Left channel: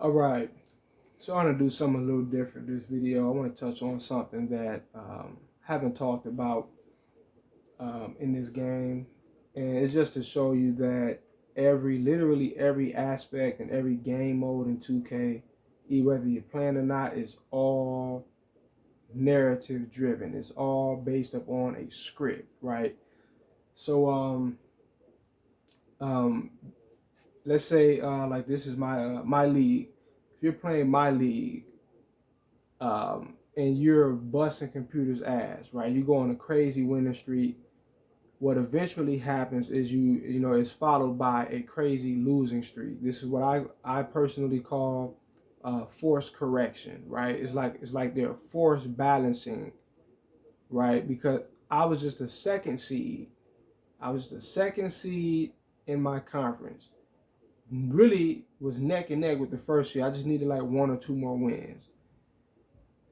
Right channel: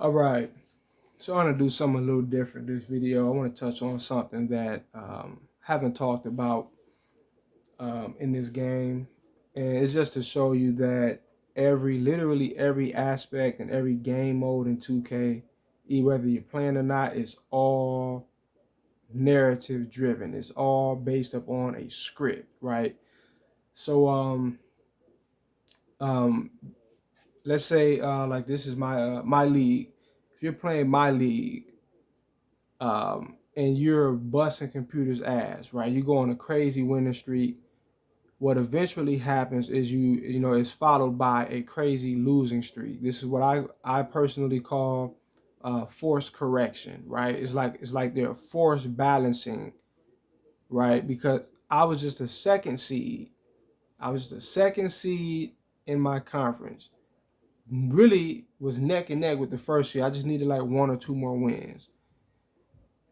All right. So I want to do something a little different this video. I want to touch on something that haven't talked about in this game, and it's just to show you that literally every aspect and every game mode in 2K, whether you're playing or not, is all narrative driven. It's all based upon a script, right? So um, let's say like this is my league. If you're playing my league, and you're busting computers' ass, right? You go on a crazy winning streak. What eventually happens is it's followed by a crazy losing streak. This is what I personally call forced correction, right? It's like they're forced balancing, right? Because I was just a second seed. I was the second seed in my conference. Really was neck and neck with the first seed. I just needed like one or two more wins.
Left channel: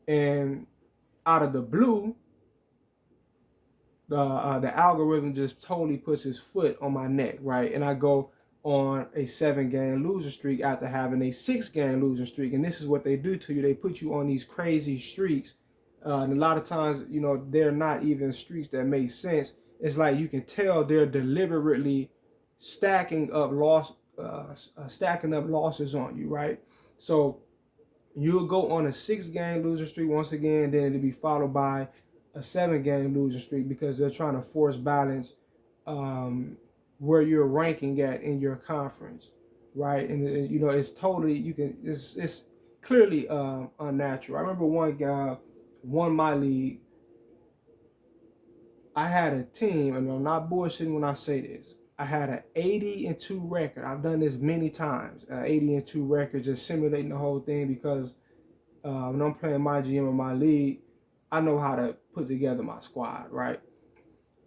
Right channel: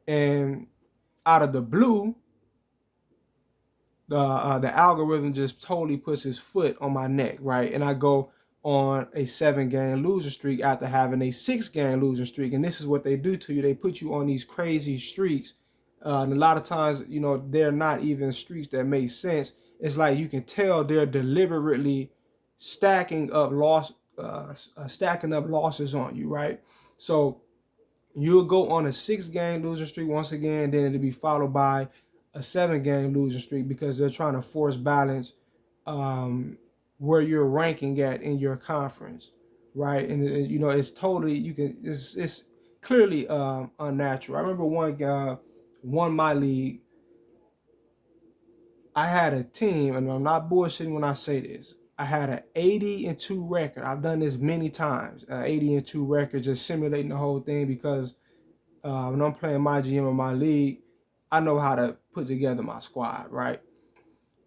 And out of the blue, the algorithm just totally puts his foot on my neck, right? And I go on a 7-game losing streak after having a 6-game losing streak. And this is what they do to you. They put you on these crazy streaks. And a lot of times, they're not even streaks that make sense. It's like you can tell they're deliberately stacking up stacking up losses on you, right? So you'll go on a 6-game losing streak once again, then it'll be followed by a 7-game losing streak because they're trying to force balance um, where you're ranking at in your conference, right? And it's totally it's clearly unnatural. I remember one guy won my league. I had a team, and I'm not bullshitting when I say this. I had an 80-2 record. I've done this many times. 80-2 record, just simulating the whole thing because when I'm playing my GM or my league, I know how to put together my squad, right?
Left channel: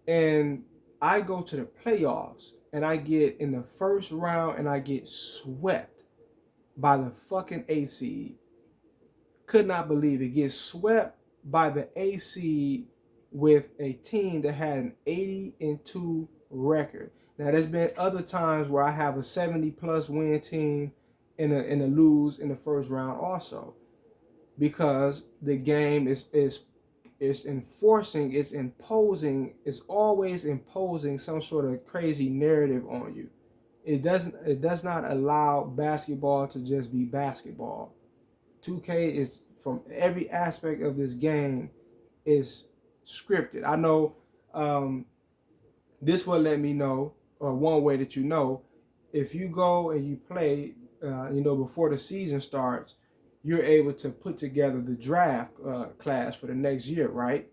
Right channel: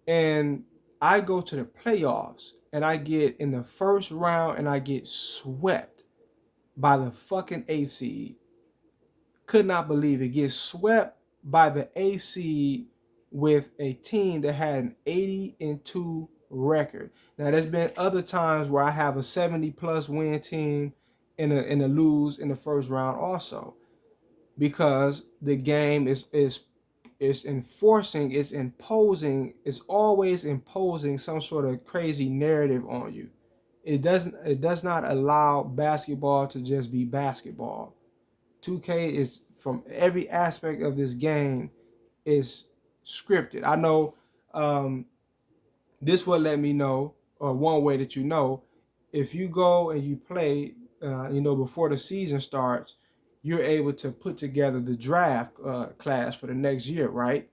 And I go to the playoffs and I get in the first round and I get swept by the fucking A seed. Could not believe it. Get swept by the A seed with a team that had an 80-2 record. Now there's been other times where I have a 70 plus win team and a lose in the first round also, because the game is enforcing, it's imposing, it's always imposing some sort of crazy narrative on you. It does not allow basketball to just be basketball. 2K is, from every aspect of this game, is scripted. I know this will let me know, or one way that if you go and you play, before the season starts, you're able to put together the draft class for the next year, right?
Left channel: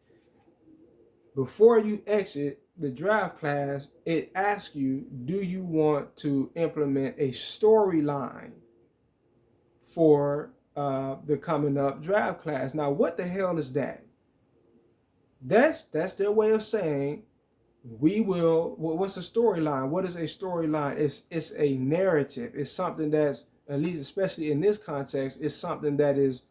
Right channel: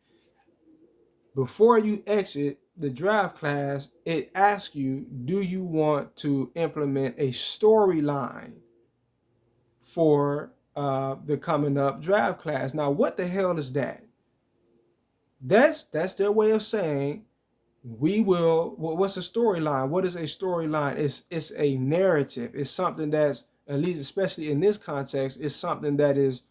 Before you exit the draft class, it asks you, do you want to implement a storyline for the coming up draft class? Now, what the hell is that? That's their way of saying we will. What's a storyline? What is a storyline? It's a narrative. It's something that's, at least especially in this context, it's something that is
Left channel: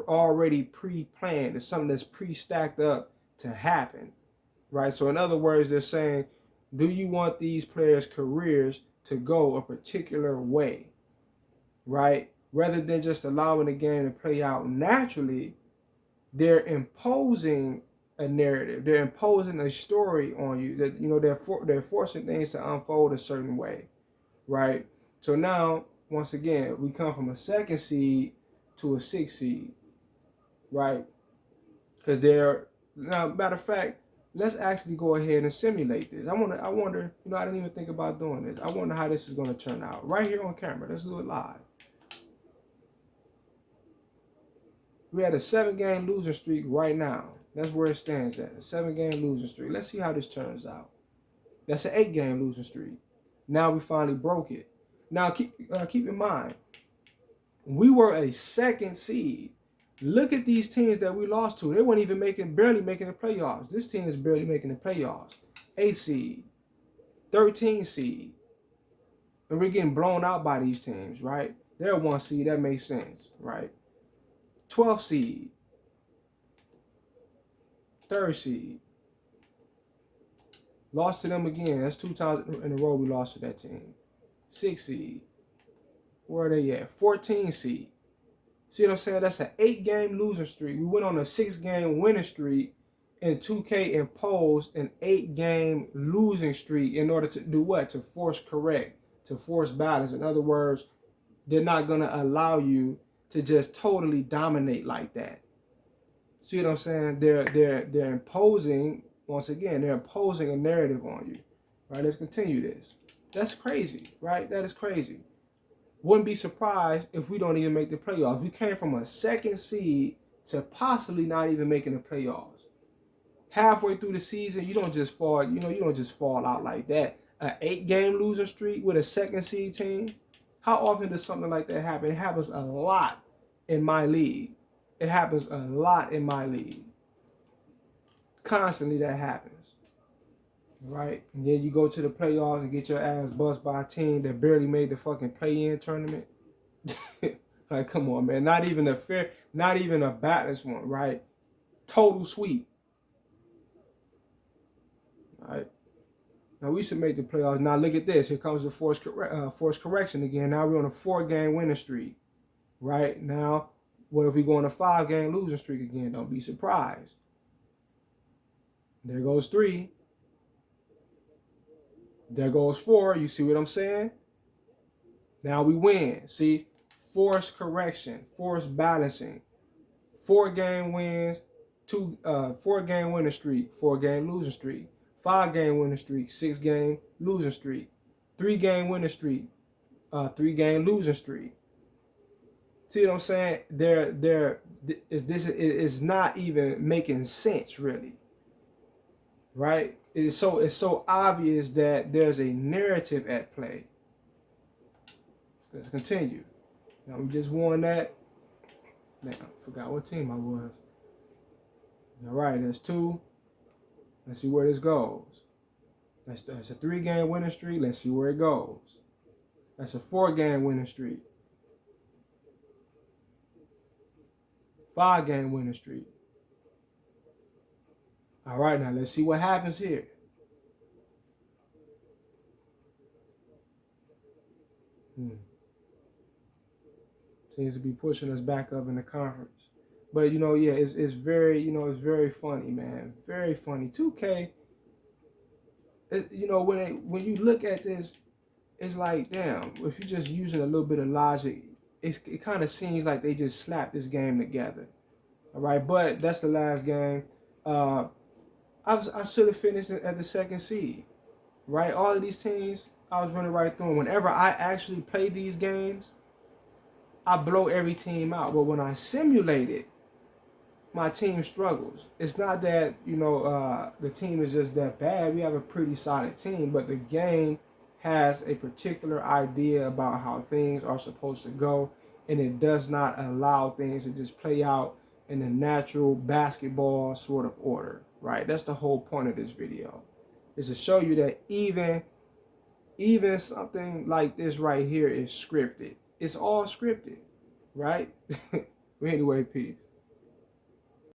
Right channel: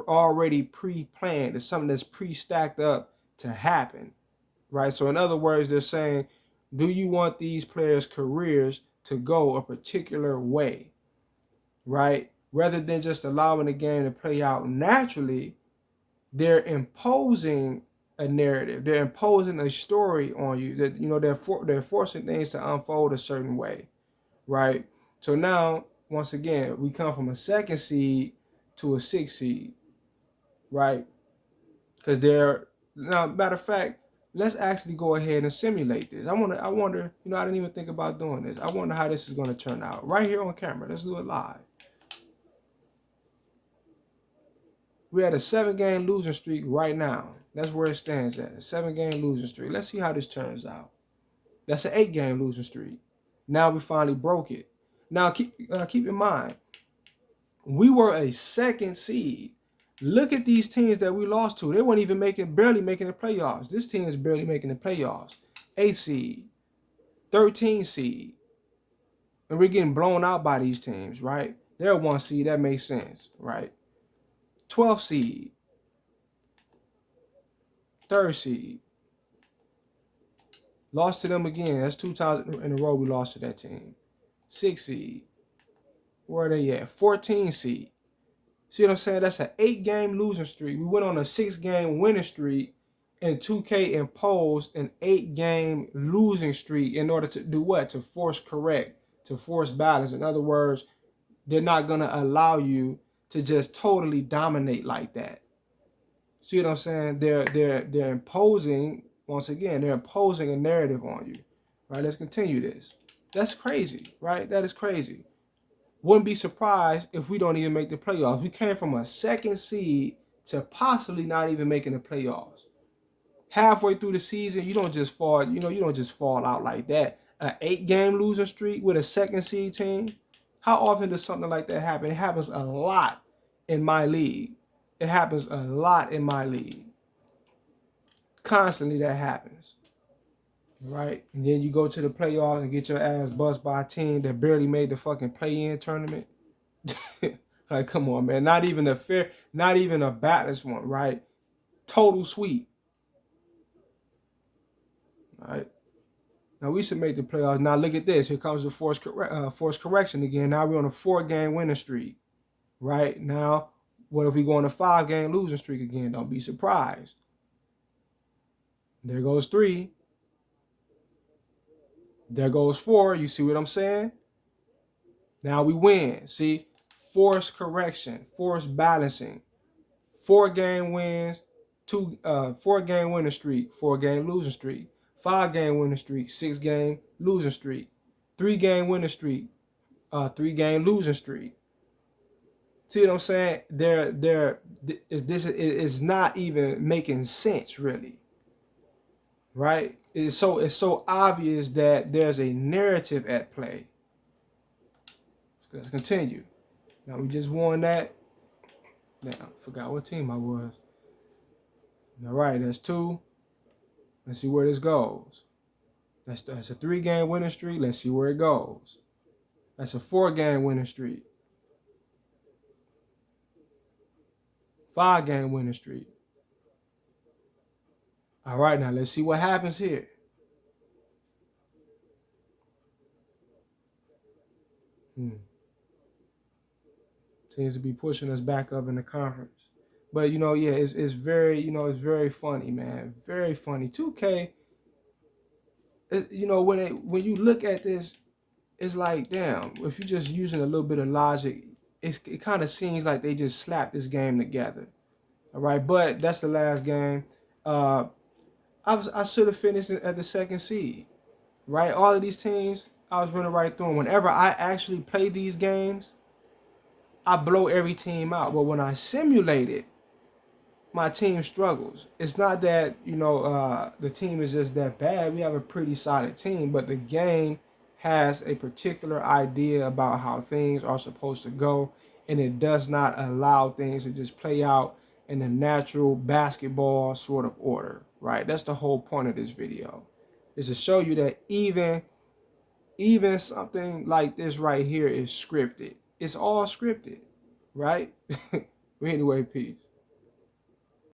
already pre-planned. It's something that's pre-stacked up to happen, right? So in other words, they're saying, do you want these players' careers to go a particular way, right? Rather than just allowing the game to play out naturally, they're imposing a narrative. They're imposing a story on you that they're forcing things to unfold a certain way, right? So now, once again, we come from a second seed to a 6 seed, right? Because they're now, matter of fact, let's actually go ahead and simulate this. I wonder, I didn't even think about doing this. I wonder how this is going to turn out right here on camera. Let's do it live. We had a 7-game losing streak right now. That's where it stands at. A 7-game losing streak. Let's see how this turns out. That's an 8-game losing streak. Now we finally broke it. Now keep in mind, we were a second seed. Look at these teams that we lost to. They weren't even barely making the playoffs. This team is barely making the playoffs. 8 seed, 13 seed. And we're getting blown out by these teams, right? They're 1 seed. That makes sense, right? 12 seed, 3rd seed. Lost to them again. That's 2 times in a row we lost to that team. 6 seed. Where are they at? 14 seed. See what I'm saying? That's an 8-game losing streak. We went on a 6-game winning streak, and 2K imposed an 8-game losing streak in order to do what? To force correct, to force balance. In other words, they're not gonna allow you to just totally dominate like that. See what I'm saying? They're imposing, once again, they're imposing a narrative on you. Right? Let's continue this. That's crazy, right? That is crazy. Wouldn't be surprised if we don't even make the playoffs. We came from a 2nd seed to possibly not even making the playoffs. Halfway through the season, you don't just fall, you don't just fall out like that. An 8-game losing streak with a 2nd seed team. How often does something like that happen? It happens a lot in my league. It happens a lot in my league. Constantly that happens. Right? And then you go to the playoffs and get your ass buzzed by a team that barely made the fucking play-in tournament. Like, come on, man. Not even a balanced one, right? Total sweep. All right. Now we should make the playoffs. Now look at this. Here comes the force correction again. Now we're on a 4-game winning streak. Right? Now, what if we go on a 5-game losing streak again? Don't be surprised. There goes 3. There goes 4. You see what I'm saying? Now we win. See? Force correction, force balancing. 4-game wins, 4-game winning streak, 4-game losing streak, 5-game winning streak, 6-game losing streak, 3-game winning streak, 3-game losing streak. See what I'm saying? This is not even making sense, really. Right? It's so obvious that there's a narrative at play. Let's continue. Now we just won that. Now I forgot what team I was. All right, that's 2. Let's see where this goes. That's a 3-game winning streak. Let's see where it goes. That's a 4-game winning streak. 5-game winning streak. All right, now let's see what happens here. Seems to be pushing us back up in the conference. But yeah, it's very, it's very funny, man. Very funny. 2K, when you look at this, it's like, damn, if you're just using a little bit of logic, it kind of seems like they just slapped this game together. All right, but that's the last game. I should have finished at the 2nd seed, right? All of these teams, I was running right through them. Whenever I actually play these games, I blow every team out. But when I simulate it, my team struggles. It's not that, the team is just that bad. We have a pretty solid team, but the game has a particular idea about how things are supposed to go, and it does not allow things to just play out in a natural basketball sort of order, right? That's the whole point of this video, is to show you that even something like this right here is scripted. It's all scripted, right? Anyway, peace.